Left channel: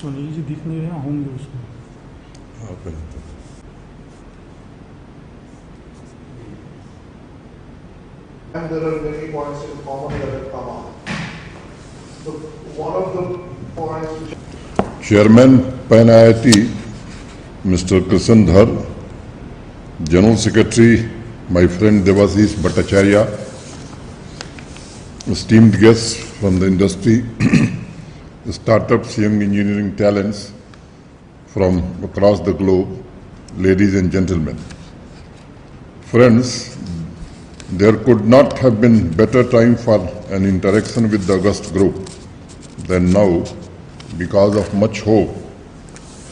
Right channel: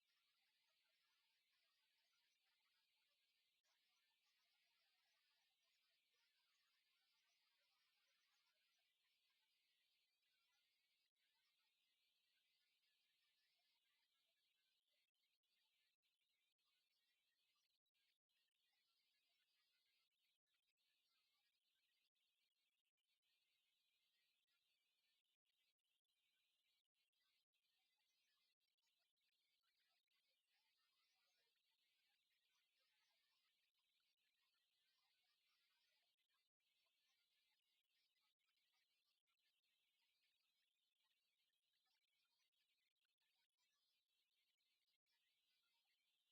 सुनील जी दिख नहीं रहे होंगे उसमें। And there are many points in common that have come up. So one of the points which Chairman Pan IIT, Mr. Krishan Dhar, General Secretary, my friend Devashish Bhattacharya, esteemed guests from the industry, startups, young engineering talents from across the globe, ladies and gentlemen. Friends, there could not have been better time for an interaction with the August Group than now because of much hope,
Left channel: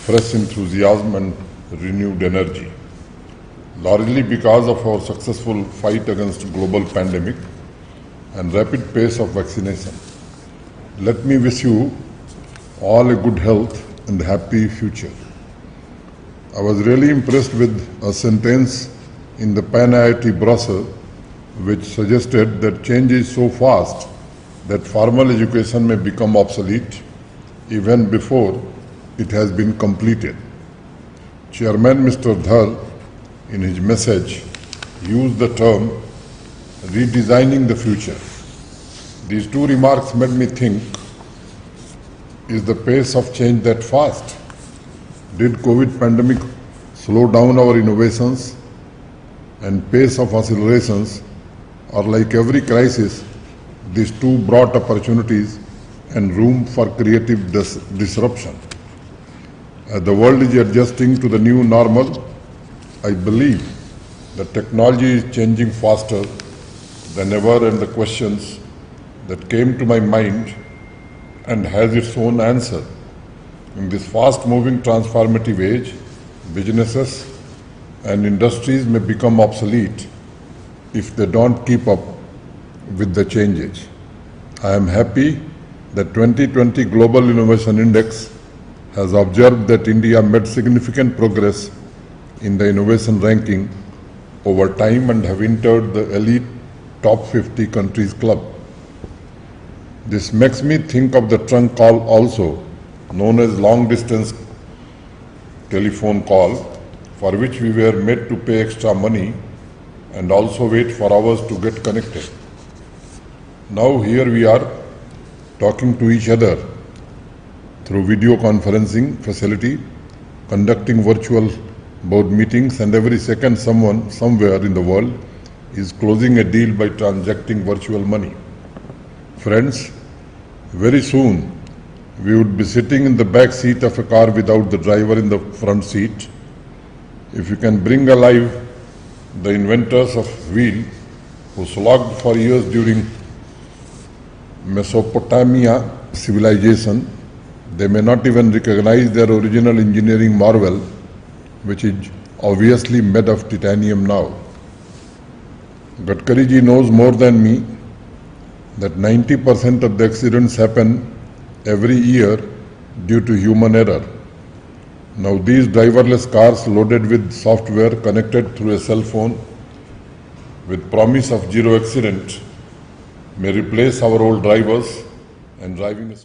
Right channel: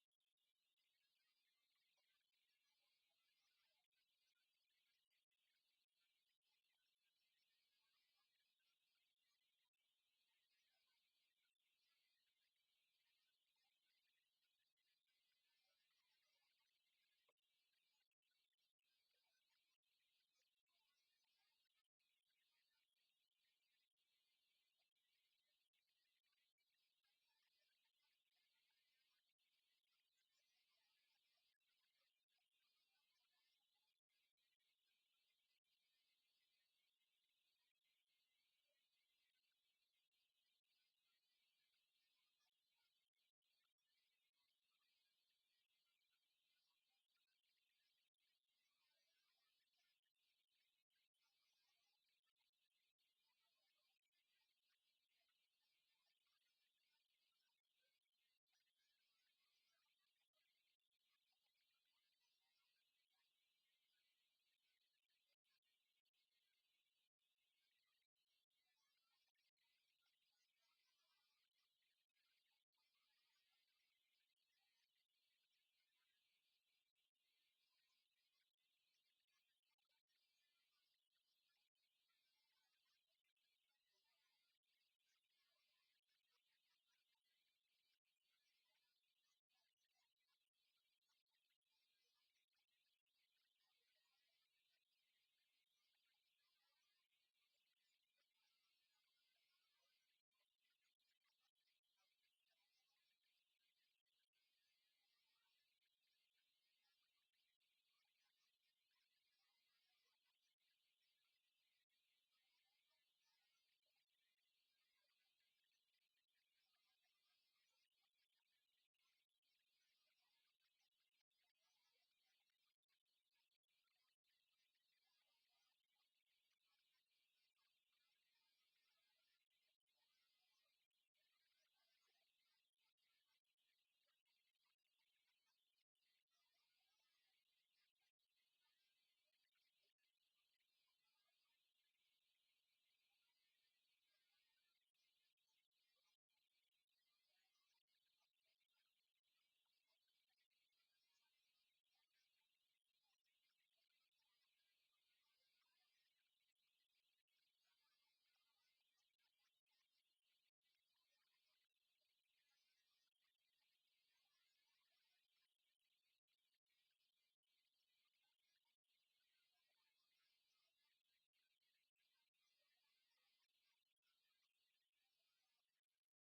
fresh enthusiasm and renewed energy. Largely because of our successful fight against global pandemic and rapid pace of vaccination. Let me wish you all a good health and happy future. I was really impressed with a sentence in the Pan IIT brochure which suggested that change is so fast that formal education may become obsolete even before it has been completed. Chairman Mr. Dhar, in his message, used the term redesigning the future. These two remarks made me think, is the pace of change that fast? Did COVID pandemic slow down our innovations and pace of accelerations, or like every crisis, these two brought opportunities and room for creative disruption? As the world is adjusting to the new normal, I believe that technology is changing faster than ever, and the questions that came to my mind and has its own answer. In this fast-moving transformative age, businesses and industries may become obsolete if they don't keep up with the changes. I am happy that 2020 Global Innovation Index has observed that India made significant progress in the innovation ranking over time and have entered the elite top 50 countries club. This makes me think of the trunk call also, known as long distance telephone call, for which we were made to pay extra money and also wait for hours to get connected. Now here we are talking to each other through video conferencing facility, conducting virtual board meetings, and every second someone somewhere in the world is closing a deal by transacting virtual money. Friends, very soon we would be sitting in the back seat of a car without the driver in the front seat. If you can bring alive the inventors of wheel who slogged for years during Mesopotamia civilization, they may not even recognize their original engineering marvel, which is obviously made of titanium now. Gadkari ji knows more than me that 90% of the accidents happen every year due to human error. Now these driverless cars loaded with software connected through a cell phone with promise of zero accident may replace our old drivers and driving.